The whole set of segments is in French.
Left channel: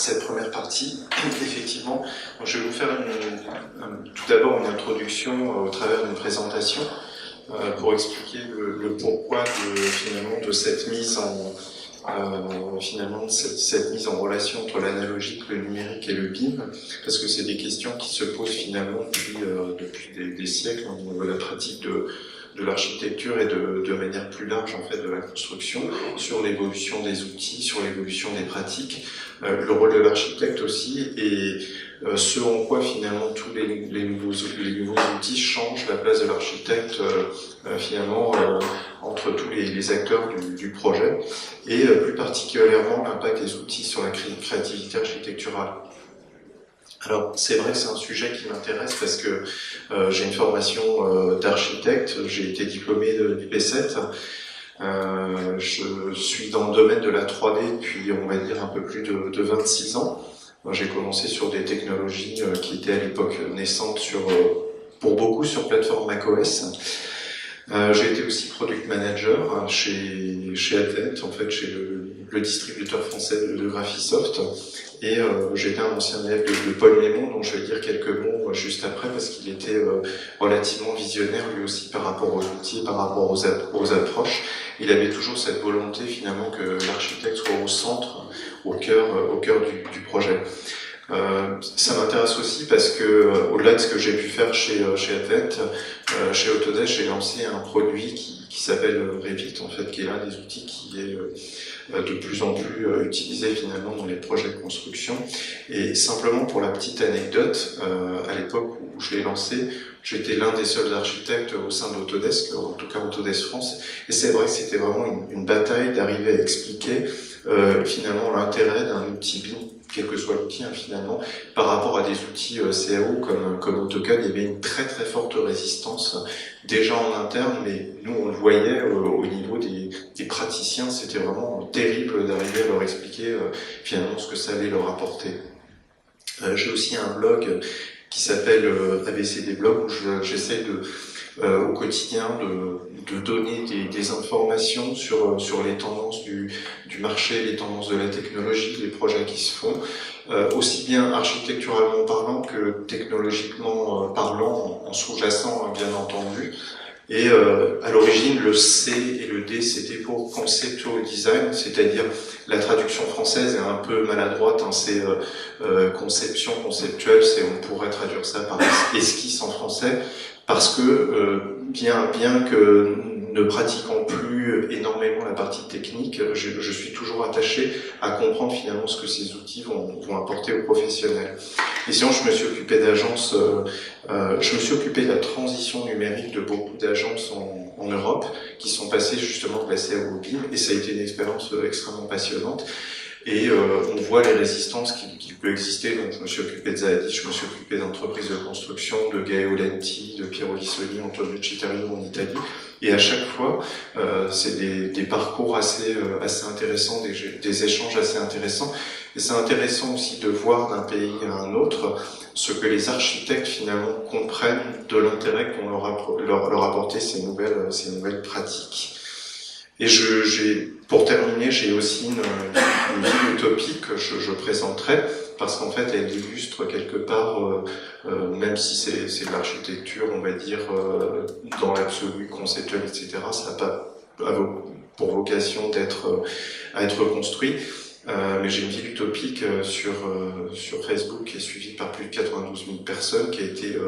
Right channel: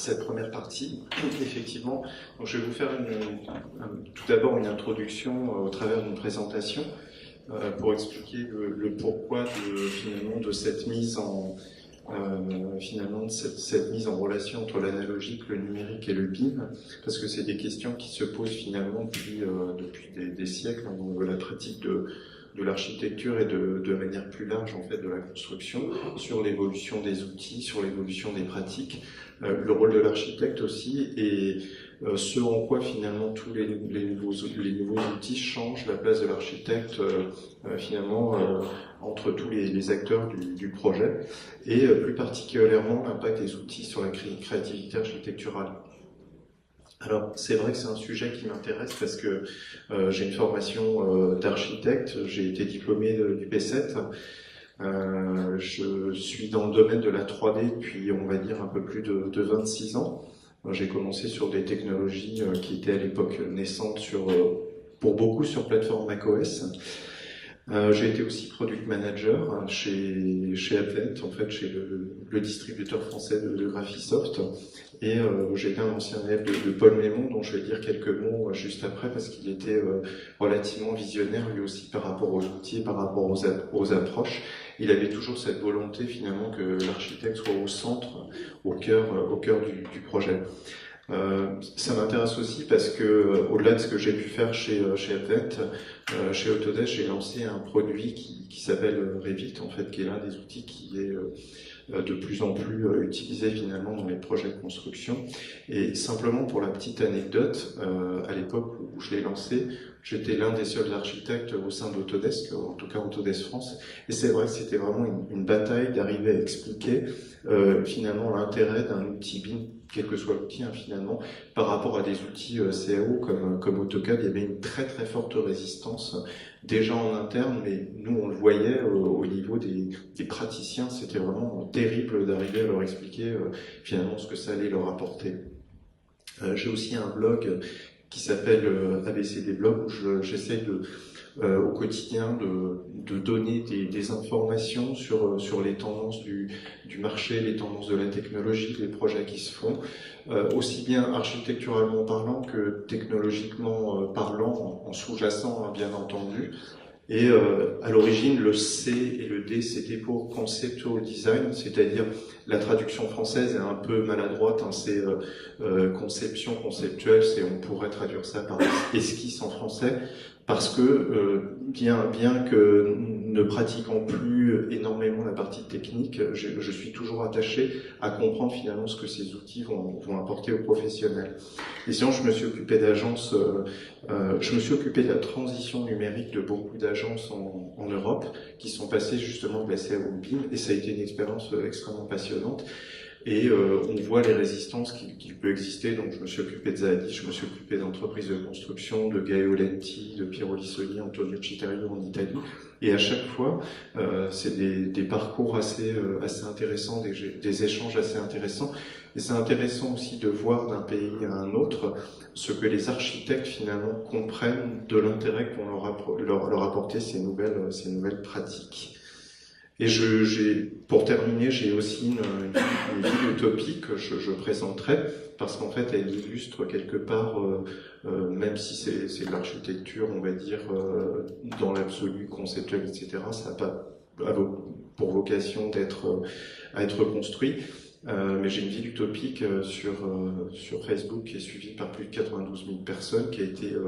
cette première partie. Effectivement, donc je vais vous faire tout d'abord une introduction au travers d'une présentation pour expliquer le pourquoi finalement de cette mise en cette mise en relation entre l'analogique, le numérique et le BIM, parce que c'est des questions qui se posent finalement depuis des siècles au niveau de la pratique de l'architecture et de manière plus large en fait de la construction, sur l'évolution des outils, sur l'évolution des pratiques, le rôle de l'architecte aussi, et ce en quoi finalement tous les nouveaux outils changent la place de l'architecte finalement entre tous les acteurs du projet, et plus particulièrement l'impact des outils sur la créativité architecturale. Alors, c'est vrai que c'est un sujet qui m'intéresse parce que j'ai une formation d'architecte, j'ai été diplômé du P7, je suis dans le domaine de la 3D depuis, on va dire, un peu plus de 26 ans. J'ai commencé sur des technologies qui étaient à l'époque naissantes pour beaucoup sur plateforme macOS. J'ai été aussi product manager chez Advent, en fait, chez le distributeur français de Graphisoft. Et j'étais un ancien élève de Paul Lémon, dont je vais dire quelques mots juste après, parce qu'il était relativement visionnaire lui aussi par rapport aux outils, par rapport aux approches. Il avait toujours cette volonté finalement que l'architecte soit au centre, au cœur du projet. Ça m'intéresse aussi parce que, au-delà de ce que j'ai pu faire chez Advent, chez Autodesk, j'ai lancé un produit qui s'appelle Revit, en fait, qui est l'un des outils qui est de plus en plus utilisé finalement dans les projets de construction. Et simplement pour la petite anecdote, à l'époque où je l'ai lancé, j'étais l'un des seuls architectes au sein d'Autodesk, en tout cas Autodesk France, et c'est vrai que c'était vraiment une bataille d'arriver à expliquer finalement l'intérêt d'un outil BIM, quel que soit l'outil finalement, par rapport à des outils CAO comme AutoCAD. Il y avait une très très forte résistance déjà en interne, mais nous on le voyait au niveau des praticiens, c'était vraiment terrible d'arriver à leur expliquer finalement ce que ça allait leur apporter. J'ai aussi un blog qui s'appelle ABCD Blog, où j'essaie au quotidien de donner des informations sur les tendances du marché, les tendances de la technologie, les projets qui se font, aussi bien architecturalement parlant que technologiquement parlant, en sous-jacent, hein, bien entendu. Et à l'origine, le C et le D, c'était pour Conceptual Design, c'est-à-dire la traduction française est un peu maladroite, hein, c'est conception conceptuelle, on pourrait traduire ça par esquisse en français, parce que bien que ne pratiquant plus énormément la partie technique, je suis toujours attaché à comprendre finalement ce que ces outils vont apporter aux professionnels. Et sinon, je me suis occupé d'agences, je me suis occupé de la transition numérique de beaucoup d'agences en Europe qui sont passées justement de la CAO au BIM, et ça a été une expérience extrêmement passionnante. Et on voit les résistances qui peuvent exister. Donc, je me suis occupé de Zaadis, je me suis occupé d'entreprises de construction, de Gaeo Lenti, de Piero Lissoni, Antonio Citterio en Italie. Et à chaque fois, c'est des parcours assez intéressants, des échanges assez intéressants. Et c'est intéressant aussi de voir d'un pays à un autre ce que les architectes finalement comprennent de l'intérêt qu'on leur apporter ces nouvelles pratiques. Et pour terminer, j'ai aussi une ville utopique que je présenterai, parce qu'en fait, elle illustre quelque part, même si c'est de l'architecture, on va dire, dans l'absolu, conceptuel, etc., ça n'a pas pour vocation à être construit. Mais j'ai une ville utopique sur Facebook qui est suivie par plus de 92 000 personnes, qui a été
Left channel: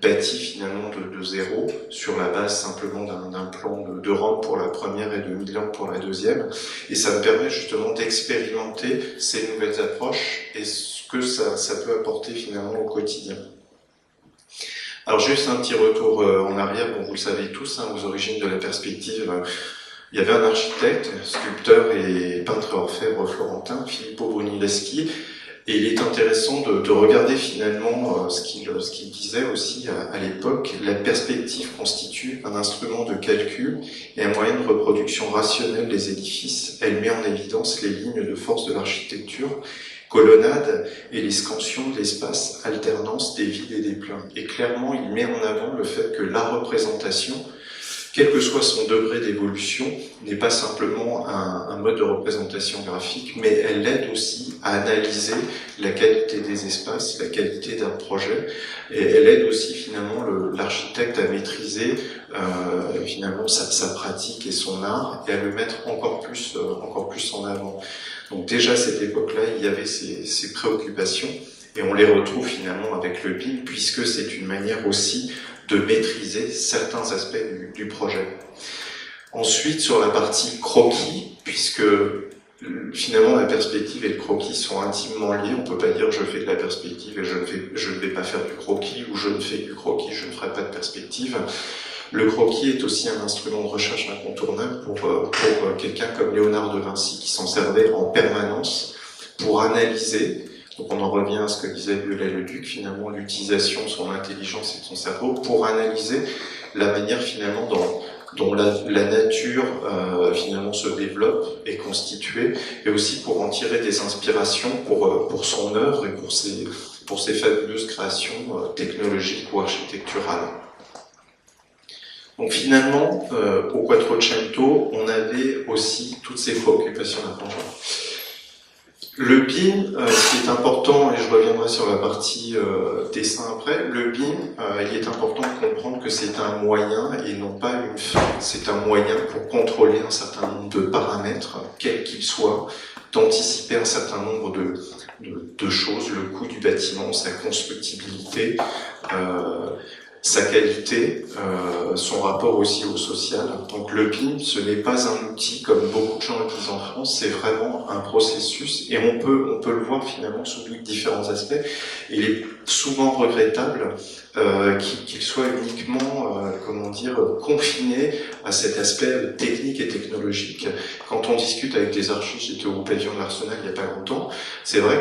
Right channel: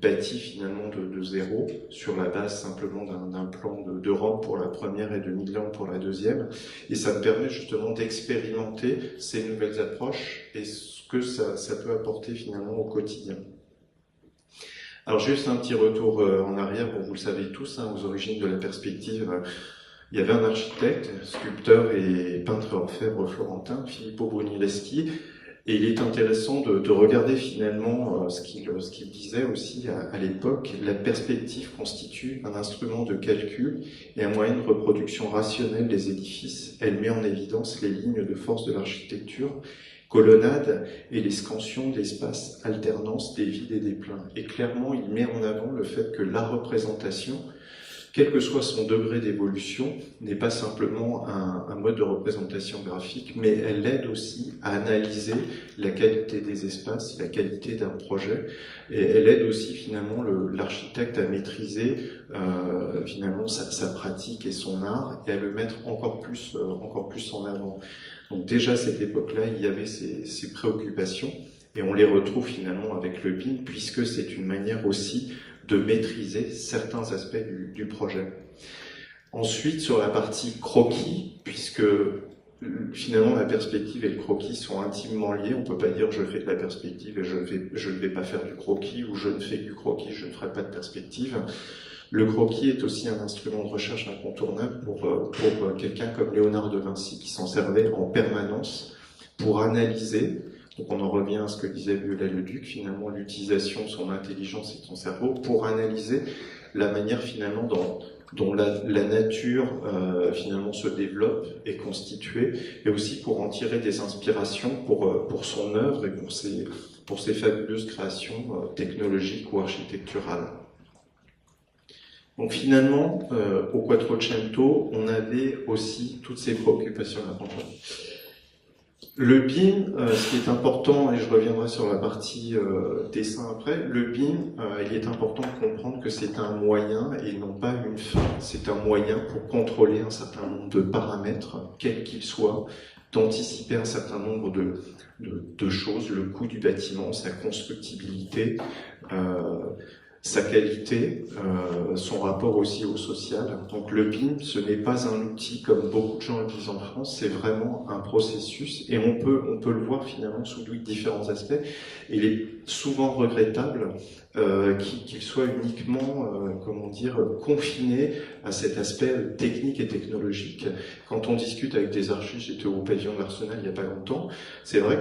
bâtie finalement de zéro, sur la base simplement d'un plan de Rome pour la première et de Milan pour la deuxième. Et ça me permet justement d'expérimenter ces nouvelles approches et ce que ça peut apporter finalement au quotidien. Alors juste un petit retour en arrière, bon, vous le savez tous, hein, aux origines de la perspective. Il y avait un architecte, sculpteur et peintre orfèvre florentin, Filippo Brunelleschi, et il est intéressant de regarder finalement ce qu'il disait aussi à l'époque. La perspective constitue un instrument de calcul et un moyen de reproduction rationnelle des édifices. Elle met en évidence les lignes de force de l'architecture, colonnade et les scansions de l'espace, alternance des vides et des pleins. Et clairement, il met en avant le fait que la représentation quel que soit son degré d'évolution, n'est pas simplement un mode de représentation graphique, mais elle aide aussi à analyser la qualité des espaces, la qualité d'un projet, et elle aide aussi finalement l'architecte à maîtriser finalement sa pratique et son art, et à le mettre encore plus en avant. Donc déjà à cette époque-là, il y avait ces préoccupations, et on les retrouve finalement avec le BIM, puisque c'est une manière aussi de maîtriser certains aspects du projet. Ensuite, sur la partie croquis, puisque finalement la perspective et le croquis sont intimement liés, on ne peut pas dire je fais de la perspective et je ne vais pas faire du croquis, ou je ne fais du croquis, je ne ferai pas de perspective. Le croquis est aussi un instrument de recherche incontournable pour quelqu'un comme Léonard de Vinci, qui s'en servait en permanence pour analyser. Donc on en revient à ce que disait Viollet-le-Duc, finalement l'utilisation de son intelligence et de son cerveau pour analyser la manière finalement dont la nature finalement se développe et constituée, et aussi pour en tirer des inspirations pour son œuvre et pour ses fabuleuses créations technologiques ou architecturales. Donc finalement, au Quattrocento, on avait aussi toutes ces préoccupations d'apprentissage. Le BIM, ce qui est important, et je reviendrai sur la partie dessin après, le BIM, il est important de comprendre que c'est un moyen et non pas une fin. C'est un moyen pour contrôler un certain nombre de paramètres, quels qu'ils soient, d'anticiper un certain nombre de choses, le coût du bâtiment, sa constructibilité, sa qualité, son rapport aussi au social. Donc le BIM, ce n'est pas un outil comme beaucoup de gens le disent en France, c'est vraiment un processus, et on peut le voir finalement sous différents aspects. Et il est souvent regrettable qu'il soit uniquement, confiné à cet aspect technique et technologique. Quand on discute avec des archives, j'étais au pavillon de l'Arsenal il n'y a pas longtemps, c'est vrai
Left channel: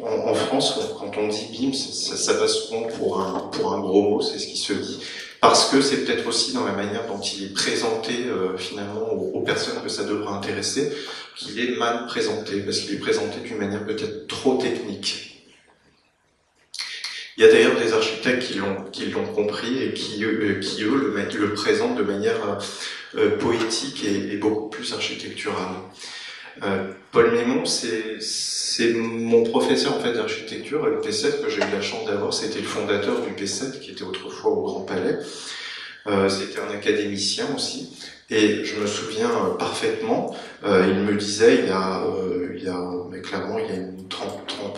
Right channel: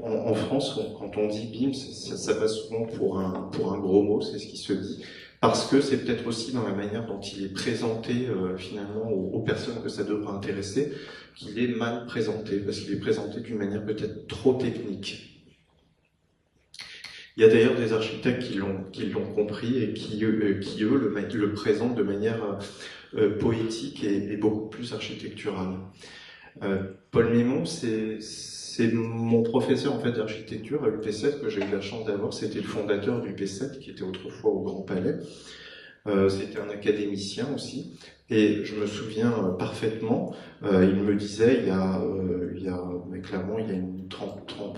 qu'en France, quand on dit BIM, ça passe souvent pour un gros mot, c'est ce qui se dit, parce que c'est peut-être aussi dans la manière dont il est présenté finalement aux personnes que ça devrait intéresser, qu'il est mal présenté, parce qu'il est présenté d'une manière peut-être trop technique. Il y a d'ailleurs des architectes qui l'ont compris et qui eux, le présentent de manière poétique et beaucoup plus architecturale. Paul Mémon, c'est mon professeur en fait d'architecture à l'UP7 que j'ai eu la chance d'avoir. C'était le fondateur du P7 qui était autrefois au Grand Palais. C'était un académicien aussi, et je me souviens parfaitement. Il me disait, mais clairement, il y a une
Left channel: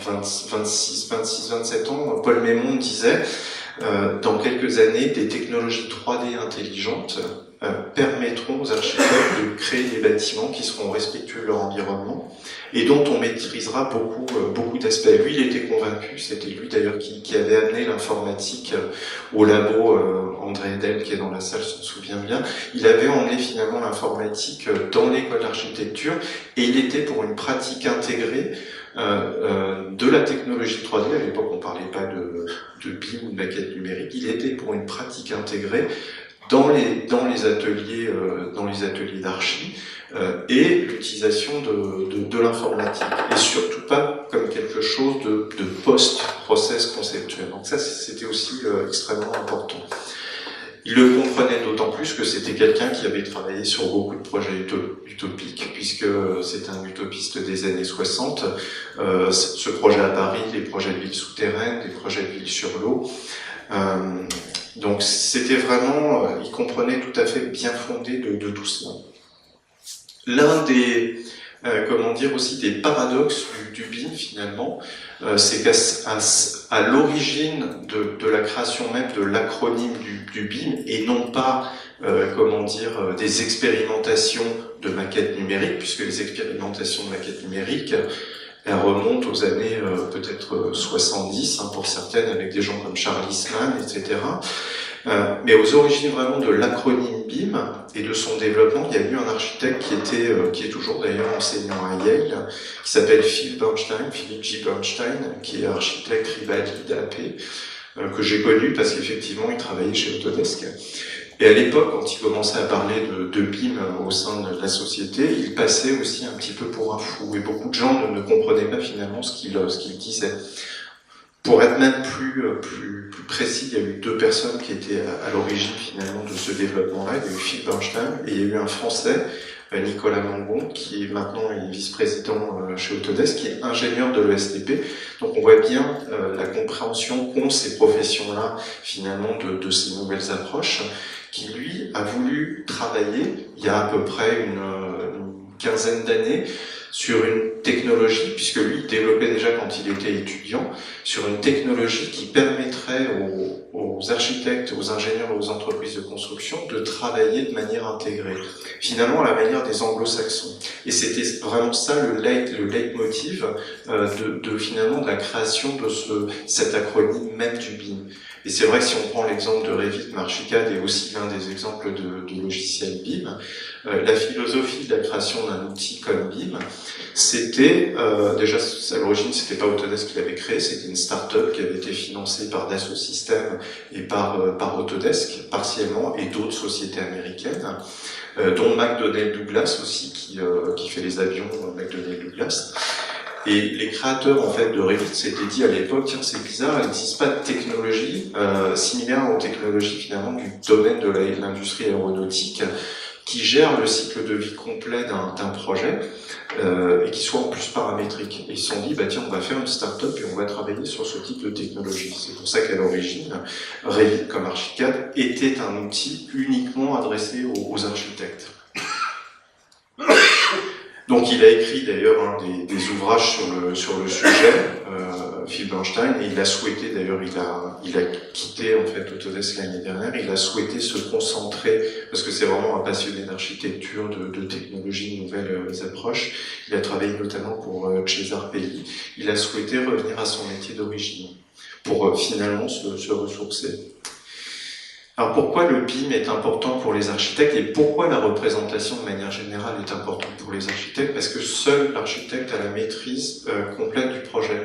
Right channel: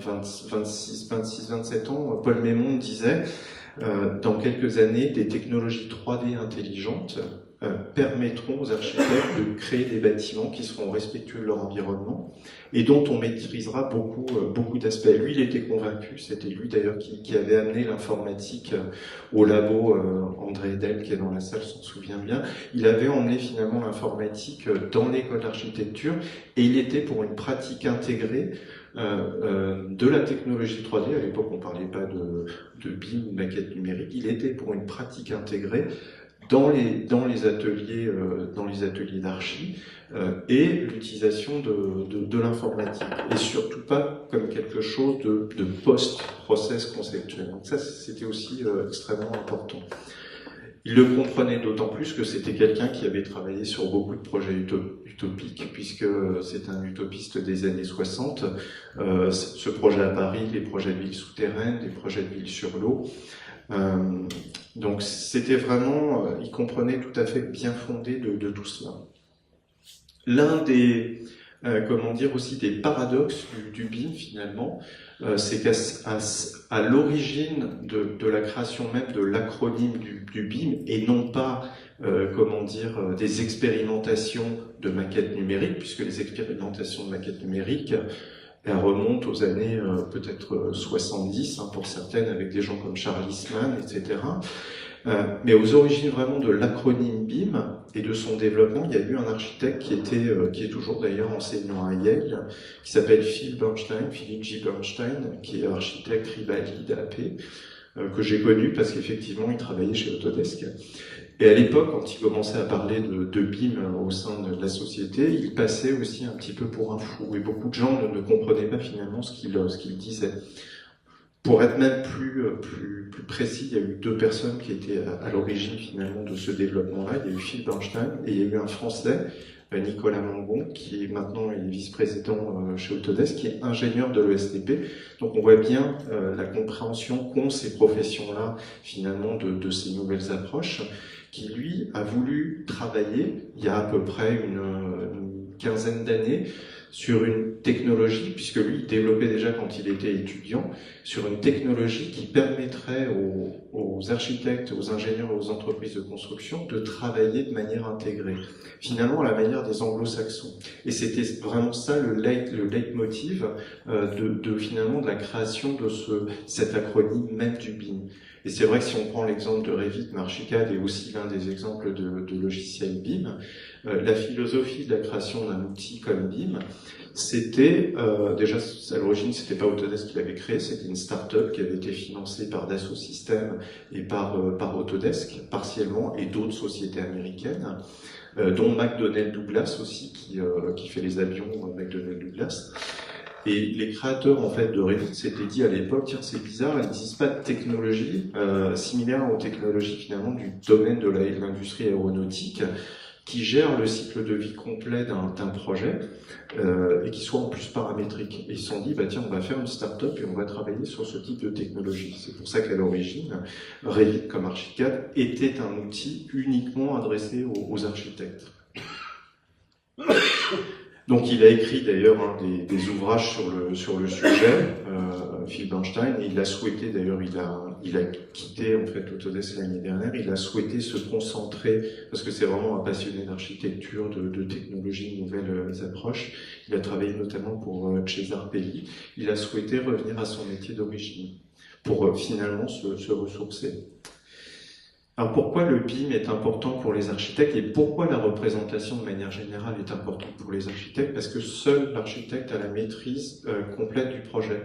26, 27 ans, Paul Mémon disait, dans quelques années, des technologies 3D intelligentes permettront aux architectes de créer des bâtiments qui seront respectueux de leur environnement et dont on maîtrisera beaucoup d'aspects. Lui, il était convaincu, c'était lui d'ailleurs qui avait amené l'informatique au labo, André Edel qui est dans la salle s'en souvient bien. Il avait emmené finalement l'informatique dans l'école d'architecture, et il était pour une pratique intégrée de la technologie 3D. À l'époque, on ne parlait pas de BIM ou de maquette numérique. Il était pour une pratique intégrée dans les ateliers d'archi, et l'utilisation de l'informatique, et surtout pas comme quelque chose de post-process conceptuel. Donc ça, c'était aussi extrêmement important. Il le comprenait d'autant plus que c'était quelqu'un qui avait travaillé sur beaucoup de projets utopiques, puisque c'est un utopiste des années 60. Ce projet à Paris, les projets de villes souterraines, les projets de villes sur l'eau. Donc c'était vraiment, il comprenait tout à fait bien fondé de tout cela. L'un des, aussi des paradoxes du BIM finalement, c'est qu'à l'origine de la création même de l'acronyme du BIM, et non pas des expérimentations de maquettes numériques, puisque les expérimentations de maquettes numériques elles remontent aux années peut-être 70 pour certaines, avec des gens comme Charles Eastman, etc. Mais aux origines vraiment de l'acronyme BIM et de son développement, il y a eu un architecte qui est toujours d'ailleurs enseignant à Yale, qui s'appelle Philippe J. Bernstein, qui est architecte Rivali d'AP, que j'ai connu parce qu'effectivement il travaillait chez Autodesk. Et à l'époque, quand il commençait à parler de BIM au sein de la société, il passait aussi un petit peu pour un fou, et beaucoup de gens ne comprenaient pas finalement ce qu'il disait. Pour être même plus précis, il y a eu deux personnes qui étaient à l'origine finalement de ce développement-là. Il y a eu Phil Bernstein et il y a eu un Français, Nicolas Mangon, qui est maintenant vice-président chez Autodesk, qui est ingénieur de l'ESTP. Donc on voit bien la compréhension qu'ont ces professions-là finalement de ces nouvelles approches, qui lui a voulu travailler il y a à peu près une quinzaine d'années sur une technologie, puisque lui il développait déjà quand il était étudiant, sur une technologie qui permettrait aux architectes, aux ingénieurs et aux entreprises de construction de travailler de manière intégrée, finalement à la manière des anglo-saxons. Et c'était vraiment ça le leitmotiv finalement de la création de cet acronyme même du BIM. Et c'est vrai que si on prend l'exemple de Revit, mais Archicad est aussi l'un des exemples de logiciels BIM, la philosophie de la création d'un outil comme BIM, c'était, déjà à l'origine c'était pas Autodesk qui l'avait créé, c'était une start-up qui avait été financée par Dassault Systèmes et par Autodesk partiellement, et d'autres sociétés américaines, dont McDonnell Douglas aussi, qui fait les avions McDonnell Douglas. Et les créateurs en fait de Revit s'étaient dit à l'époque, tiens c'est bizarre, il n'existe pas de technologie similaire aux technologies finalement du domaine de l'industrie aéronautique qui gère le cycle de vie complet d'un projet et qui soit en plus paramétrique. Et ils se sont dit, bah tiens, on va faire une start-up et on va travailler sur ce type de technologie. C'est pour ça qu'à l'origine, Revit comme Archicad était un outil uniquement adressé aux architectes. Donc il a écrit d'ailleurs des ouvrages sur le sujet, Phil Bernstein, et il a souhaité, d'ailleurs il a quitté en fait Autodesk l'année dernière, il a souhaité se concentrer, parce que c'est vraiment un passionné d'architecture, de technologie, de nouvelles approches, il a travaillé notamment pour César Pelli, il a souhaité revenir à son métier d'origine, pour finalement se ressourcer. Alors pourquoi le BIM est important pour les architectes et pourquoi la représentation de manière générale est importante pour les architectes? Parce que seul l'architecte a la maîtrise complète du projet.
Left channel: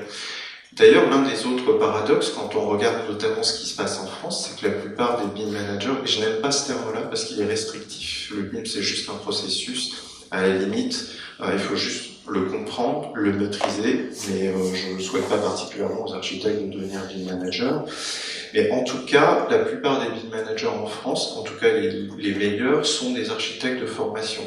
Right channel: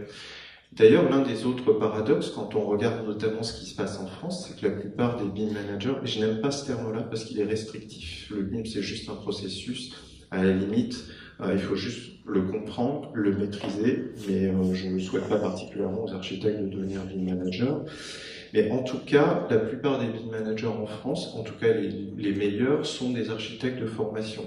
D'ailleurs, l'un des autres paradoxes, quand on regarde notamment ce qui se passe en France, c'est que la plupart des BIM managers, et je n'aime pas ce terme-là parce qu'il est restrictif, le BIM c'est juste un processus, à la limite, il faut juste le comprendre, le maîtriser, mais je ne souhaite pas particulièrement aux architectes de devenir BIM manager. Mais en tout cas, la plupart des BIM managers en France, en tout cas les meilleurs, sont des architectes de formation.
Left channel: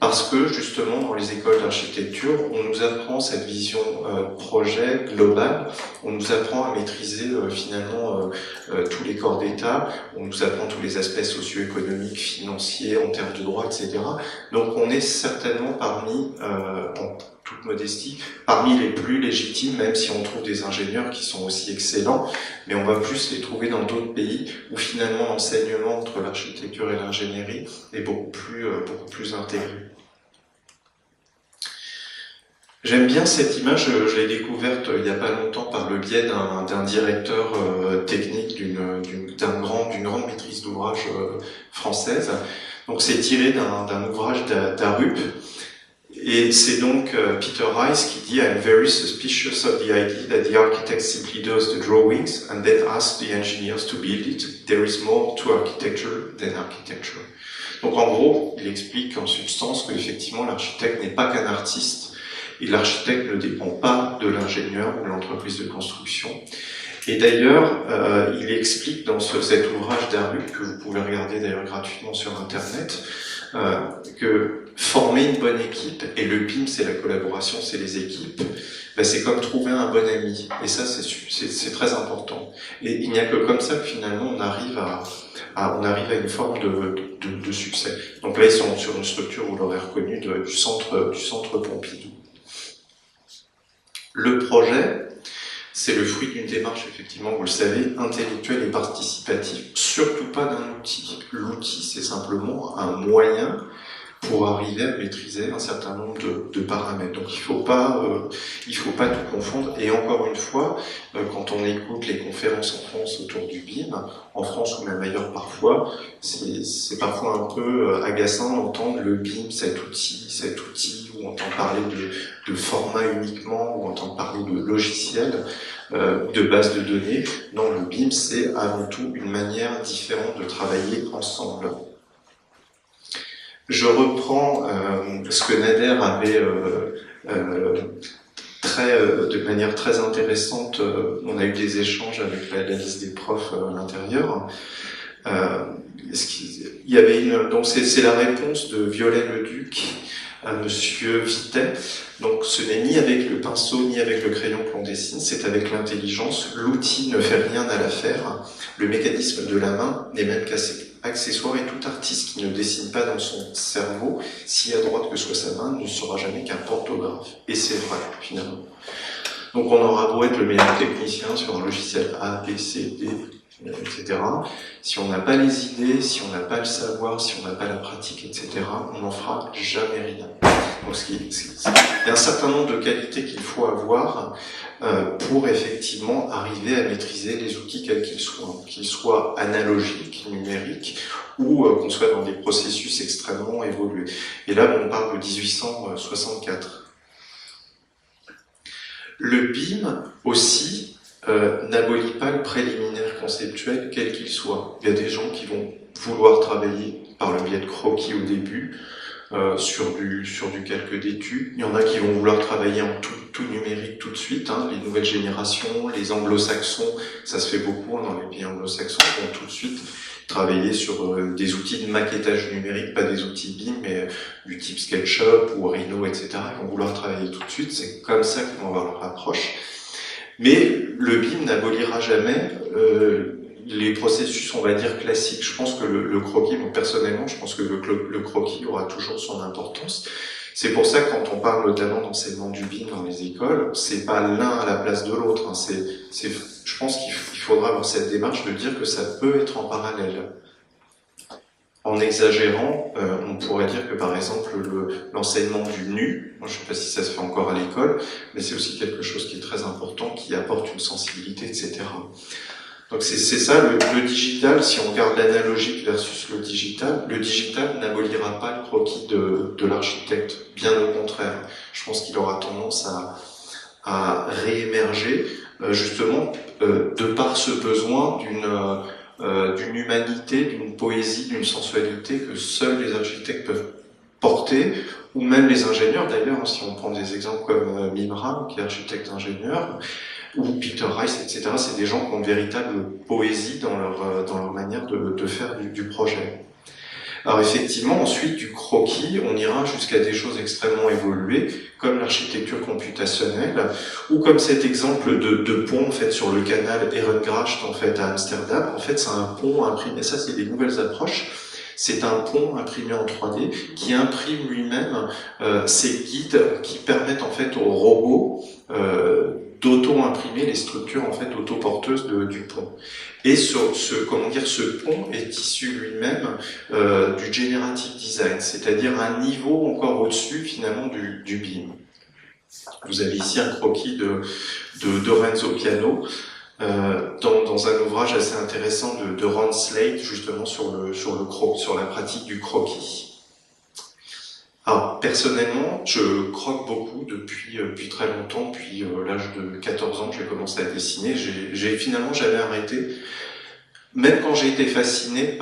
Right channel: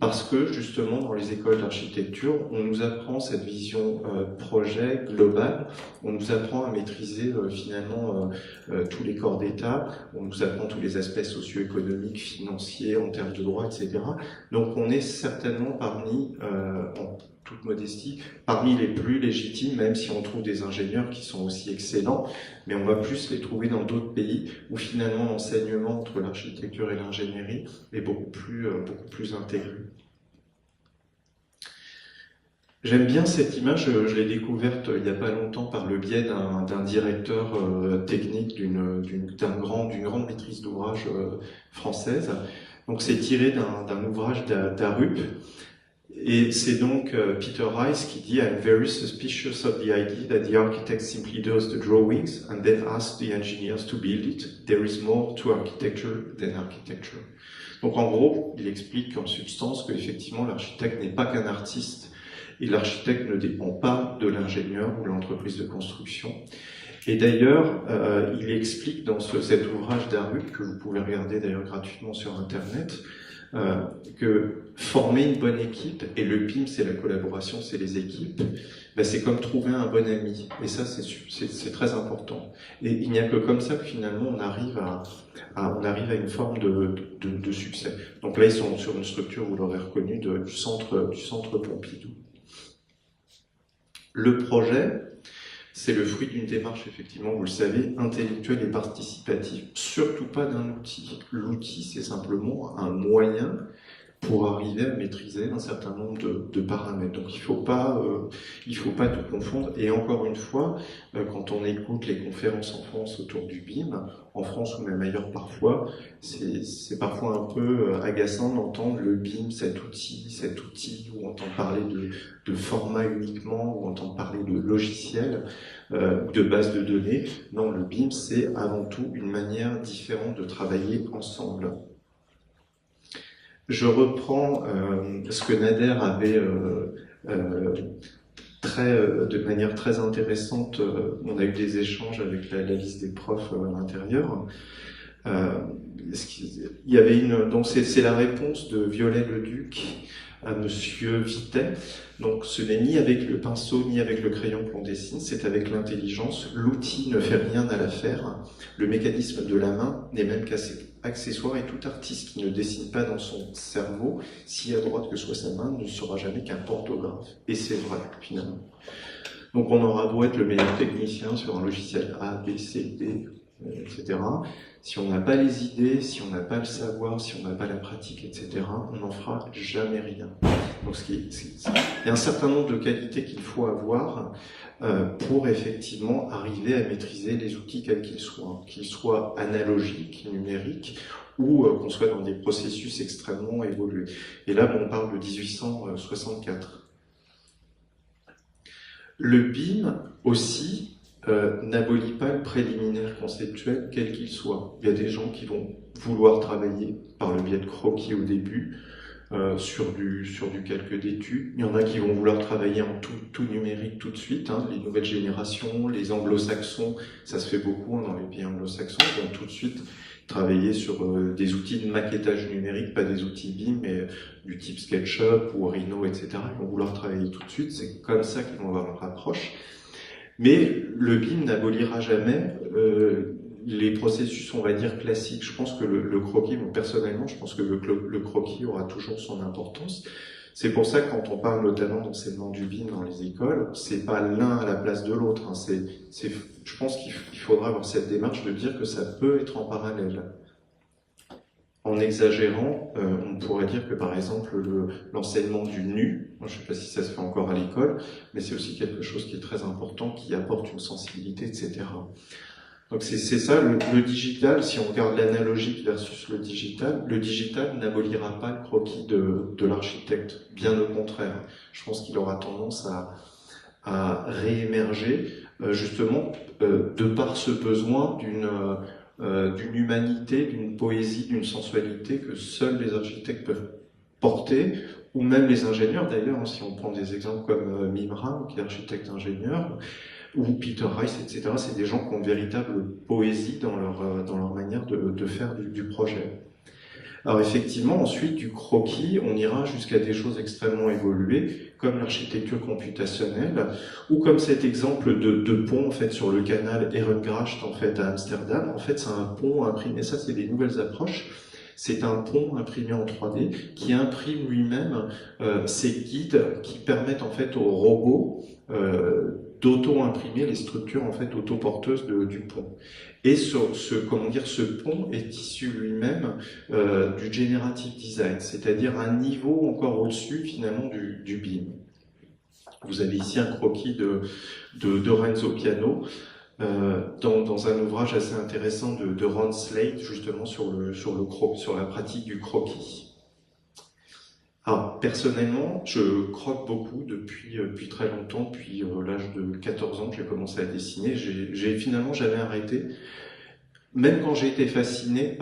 Parce que justement, dans les écoles d'architecture, on nous apprend cette vision projet globale, on nous apprend à maîtriser finalement tous les corps d'État, on nous apprend tous les aspects socio-économiques, financiers, en termes de droit, etc. Donc on est certainement parmi, en toute modestie, parmi les plus légitimes, même si on trouve des ingénieurs qui sont aussi excellents, mais on va plus les trouver dans d'autres pays où finalement l'enseignement entre l'architecture et l'ingénierie est beaucoup plus intégré. J'aime bien cette image, je l'ai découverte il n'y a pas longtemps par le biais d'un directeur technique d'une grande maîtrise d'ouvrage française. Donc c'est tiré d'un ouvrage d'Arup. Et c'est donc Peter Rice qui dit I'm very suspicious of the idea that the architect simply does the drawings and then asks the engineers to build it. There is more to architecture than architecture. Donc en gros, il explique en substance qu'effectivement l'architecte n'est pas qu'un artiste et l'architecte ne dépend pas de l'ingénieur ou de l'entreprise de construction. Et d'ailleurs, il explique dans cet ouvrage d'Arup, que vous pouvez regarder d'ailleurs gratuitement sur Internet, que former une bonne équipe, et le BIM c'est la collaboration, c'est les équipes, ben c'est comme trouver un bon ami, et ça c'est très important. Et il n'y a que comme ça que finalement on arrive à une forme de succès. Donc là ils sont sur une structure, vous l'aurez reconnu, du centre Pompidou. Le projet, c'est le fruit d'une démarche, effectivement, vous le savez, intellectuelle et participative. Surtout pas d'un outil. L'outil, c'est simplement un moyen pour arriver à maîtriser un certain nombre de paramètres. Donc il faut pas tout confondre. Et encore une fois, quand on écoute les conférences en France autour du BIM, en France ou même ailleurs parfois, c'est parfois un peu agaçant d'entendre le BIM, cet outil, où on entend parler de format uniquement, où on entend parler de logiciel, de base de données. Non, le BIM, c'est avant tout une manière différente de travailler ensemble. Je reprends ce que Nader avait de manière très intéressante. On a eu des échanges avec la liste des profs à l'intérieur. Il y avait donc c'est la réponse de Viollet-le-Duc à Monsieur Vitet. Donc ce n'est ni avec le pinceau ni avec le crayon que l'on dessine, c'est avec l'intelligence. L'outil ne fait rien à l'affaire. Le mécanisme de la main n'est même qu'accessoire, et tout artiste qui ne dessine pas dans son cerveau, si à droite que soit sa main, ne sera jamais qu'un portographe. Et c'est vrai, finalement. Donc on aura beau être le meilleur technicien sur un logiciel A, B, C, D, etc. Si on n'a pas les idées, si on n'a pas le savoir, si on n'a pas la pratique, etc., on n'en fera jamais rien. Donc il y a un certain nombre de qualités qu'il faut avoir pour effectivement arriver à maîtriser les outils quels qu'ils soient analogiques, numériques, ou qu'on soit dans des processus extrêmement évolués. Et là, on parle de 1864. Le BIM aussi n'abolit pas le préliminaire conceptuel quel qu'il soit. Il y a des gens qui vont vouloir travailler par le biais de croquis au début, sur du calque d'études. Il y en a qui vont vouloir travailler en tout numérique tout de suite, hein, les nouvelles générations, les anglo-saxons, ça se fait beaucoup dans les pays anglo-saxons, vont tout de suite travailler sur des outils de maquettage numérique, pas des outils BIM, mais du type SketchUp ou Rhino, etc. Ils vont vouloir travailler tout de suite, c'est comme ça qu'ils vont avoir leur approche. Mais le BIM n'abolira jamais les processus, on va dire, classiques. Je pense que le croquis, moi, personnellement, je pense que le croquis aura toujours son importance. C'est pour ça que quand on parle notamment d'enseignement du BIM dans les écoles, c'est pas l'un à la place de l'autre. Hein. Je pense qu'il faudra avoir cette démarche de dire que ça peut être en parallèle. En exagérant, on pourrait dire que par exemple l'enseignement du nu, moi je ne sais pas si ça se fait encore à l'école, mais c'est aussi quelque chose qui est très important, qui apporte une sensibilité, etc. Donc c'est ça, le digital, si on regarde l'analogique versus le digital n'abolira pas le croquis de l'architecte, bien au contraire. Je pense qu'il aura tendance à réémerger, justement, de par ce besoin d'une humanité, d'une poésie, d'une sensualité que seuls les architectes peuvent porter, ou même les ingénieurs d'ailleurs, si on prend des exemples comme Mimram, qui est architecte-ingénieur, ou Peter Rice, etc. C'est des gens qui ont une véritable poésie dans leur manière de faire du projet. Alors effectivement, ensuite, du croquis, on ira jusqu'à des choses extrêmement évoluées, comme l'architecture computationnelle, ou comme cet exemple de pont en fait, sur le canal Ehrengracht en fait, à Amsterdam. En fait, c'est un pont imprimé, ça c'est des nouvelles approches. C'est un pont imprimé en 3D qui imprime lui-même ces guides qui permettent en fait aux robots d'auto-imprimer les structures en fait autoporteuses du pont. Et ce pont est issu lui-même du generative design, c'est-à-dire un niveau encore au-dessus finalement du BIM. Vous avez ici un croquis de Renzo Piano dans un ouvrage assez intéressant de Ron Slade justement sur la pratique du croquis. Alors, personnellement, je croque beaucoup depuis très longtemps, depuis l'âge de 14 ans, j'ai commencé à dessiner. J'ai finalement jamais arrêté, même quand j'ai été fasciné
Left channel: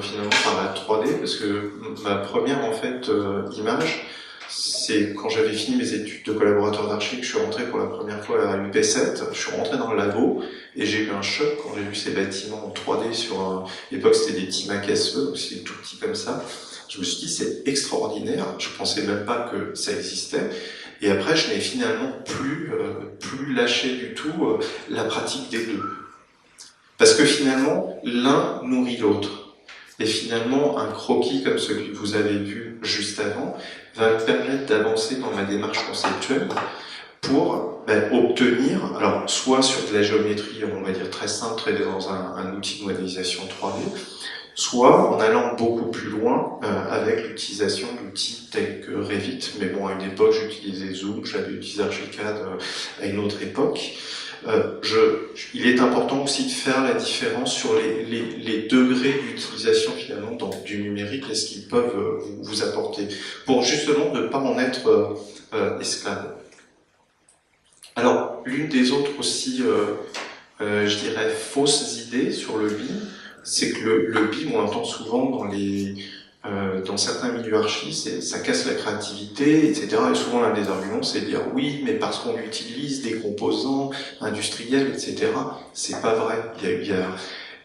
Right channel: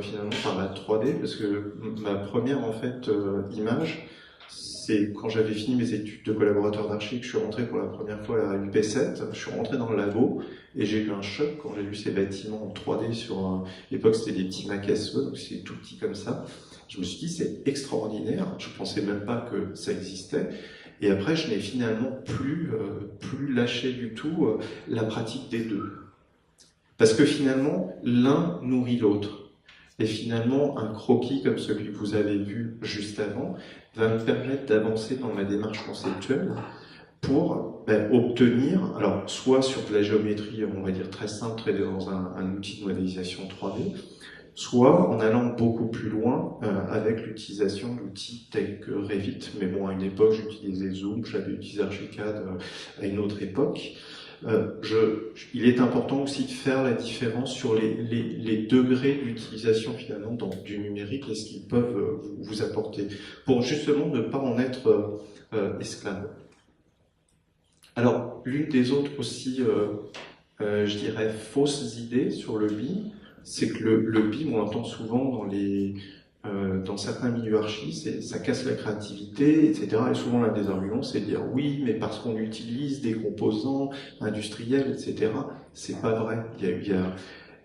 finalement par la 3D, parce que ma première en fait image, c'est quand j'avais fini mes études de collaborateur d'archi que je suis rentré pour la première fois à l'UP7. Je suis rentré dans le labo et j'ai eu un choc quand j'ai vu ces bâtiments en 3D à l'époque c'était des petits Mac SE, donc c'était tout petit comme ça. Je me suis dit, c'est extraordinaire, je pensais même pas que ça existait. Et après, je n'ai finalement plus lâché du tout la pratique des deux. Parce que finalement, l'un nourrit l'autre. Et finalement, un croquis comme celui que vous avez vu juste avant va me permettre d'avancer dans ma démarche conceptuelle pour obtenir, alors soit sur de la géométrie, on va dire très simple, très dans un outil de modélisation 3D, soit en allant beaucoup plus loin avec l'utilisation d'outils tels que Revit. Mais bon, à une époque, j'utilisais Zoom, j'avais utilisé Archicad à une autre époque. Il est important aussi de faire la différence sur les degrés d'utilisation finalement du numérique et ce qu'ils peuvent vous apporter, pour justement ne pas en être esclave. Alors, l'une des autres aussi, je dirais, fausses idées sur le BIM, c'est que le BIM, on entend souvent dans les dans certains milieux archi, ça casse la créativité, etc. Et souvent, l'un des arguments, c'est de dire oui, mais parce qu'on utilise des composants industriels, etc. C'est pas vrai.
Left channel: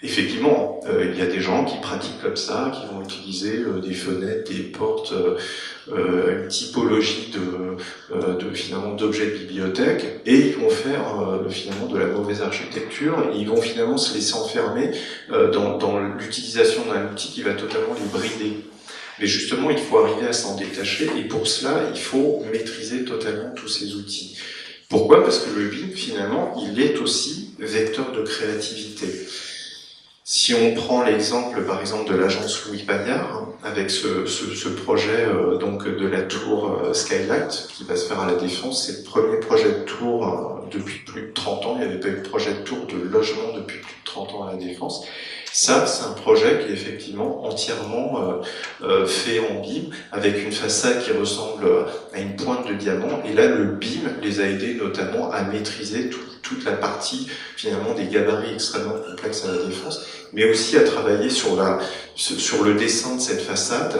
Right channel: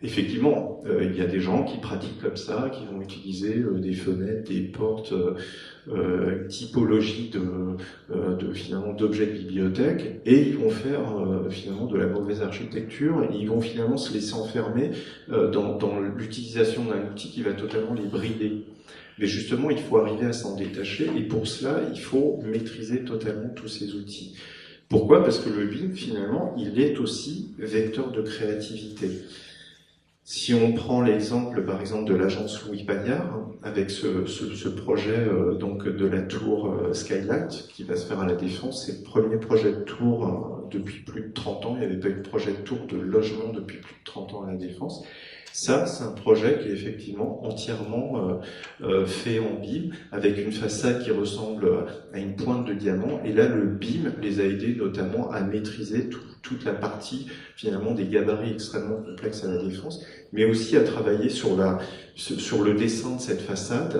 Effectivement, il y a des gens qui pratiquent comme ça, qui vont utiliser des fenêtres, des portes, une typologie finalement d'objets de bibliothèque, et ils vont faire finalement de la mauvaise architecture, et ils vont finalement se laisser enfermer dans l'utilisation d'un outil qui va totalement les brider. Mais justement, il faut arriver à s'en détacher, et pour cela, il faut maîtriser totalement tous ces outils. Pourquoi ? Parce que le BIM, finalement, il est aussi vecteur de créativité. Si on prend l'exemple, par exemple, de l'agence Louis Paillard, avec ce projet donc de la tour Skylight, qui va se faire à la Défense, c'est le premier projet de tour depuis plus de 30 ans. Il n'y avait pas eu de projet de tour de logement depuis plus de 30 ans à la Défense. Ça, c'est un projet qui est effectivement entièrement fait en BIM, avec une façade qui ressemble à une pointe de diamant. Et là, le BIM les a aidés notamment à maîtriser toute la partie finalement des gabarits extrêmement complexes à la Défense, mais aussi à travailler sur le dessin de cette façade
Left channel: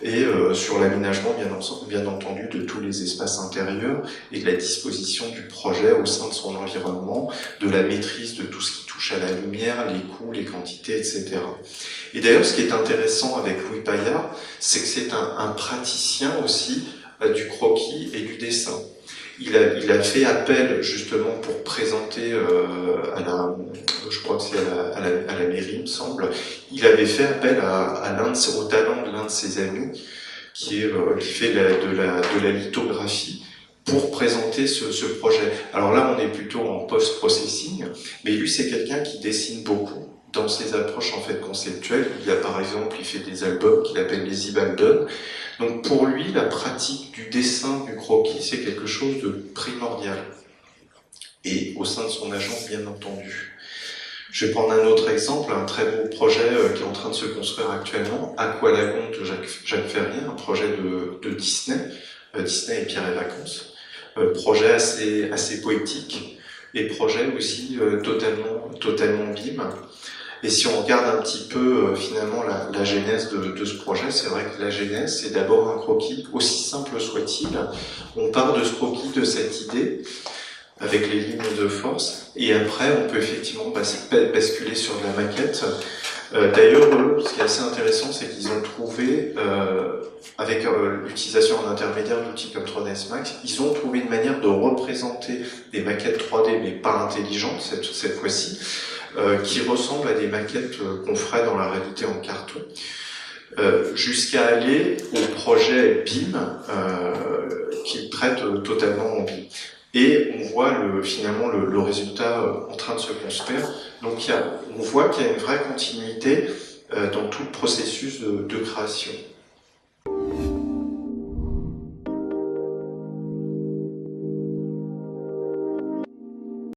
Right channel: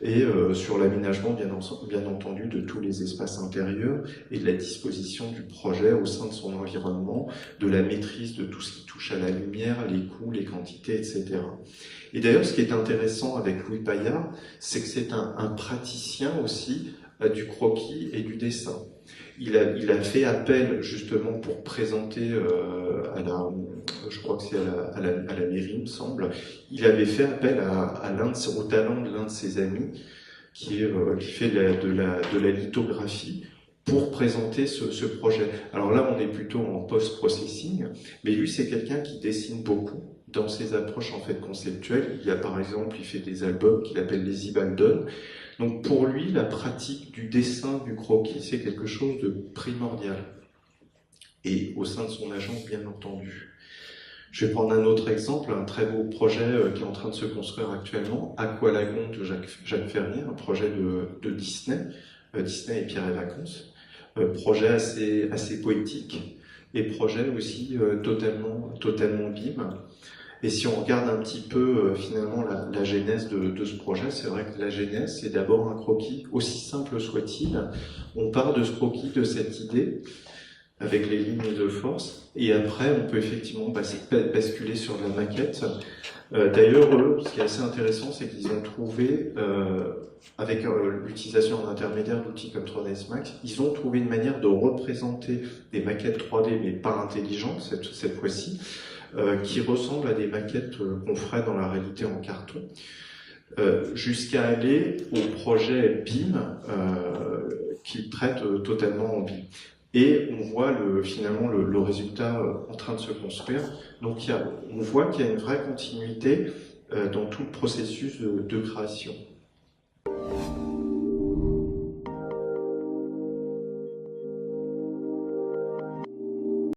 et sur l'aménagement bien entendu de tous les espaces intérieurs et de la disposition du projet au sein de son environnement, de la maîtrise de tout ce qui touche à la lumière, les coûts, les quantités, etc. Et d'ailleurs, ce qui est intéressant avec Louis Paillard, c'est que c'est un praticien aussi du croquis et du dessin. Il a fait appel justement pour présenter je crois que c'est à la mairie, il me semble. Il avait fait appel au talent de l'un de ses amis qui fait de la lithographie pour présenter ce projet. Alors là, on est plutôt en post-processing, mais lui, c'est quelqu'un qui dessine beaucoup dans ses approches en fait conceptuelles. Par exemple, il fait des albums qu'il appelle les Ibaldon. Donc pour lui, la pratique du dessin, du croquis, c'est quelque chose de primordial. Et au sein de son agence, bien entendu. Je vais prendre un autre exemple, un très beau projet qui est en train de se construire actuellement, Aqualagon de Jacques Ferrier, un projet de Disney, Disney et Pierre et Vacances. Projet assez poétique, et projet aussi totalement BIM. Et si on regarde un petit peu finalement la genèse de ce projet, c'est vrai que la genèse, c'est d'abord un croquis, aussi simple soit-il. On part de ce croquis, de cette idée, avec les lignes de force, et après on peut effectivement basculer sur de la maquette. D'ailleurs, ce qui est assez intéressant, c'est qu'ils ont trouvé, avec l'utilisation en intermédiaire d'outils comme 3ds Max, ils ont trouvé une manière de représenter des maquettes 3D, mais pas intelligentes cette fois-ci, qui ressemblent à des maquettes qu'on ferait dans la réalité en carton, jusqu'à aller au projet BIM, qui traite totalement en BIM. Et on voit finalement le résultat en train de se construire. Donc on voit qu'il y a une vraie continuité dans tout le processus de création.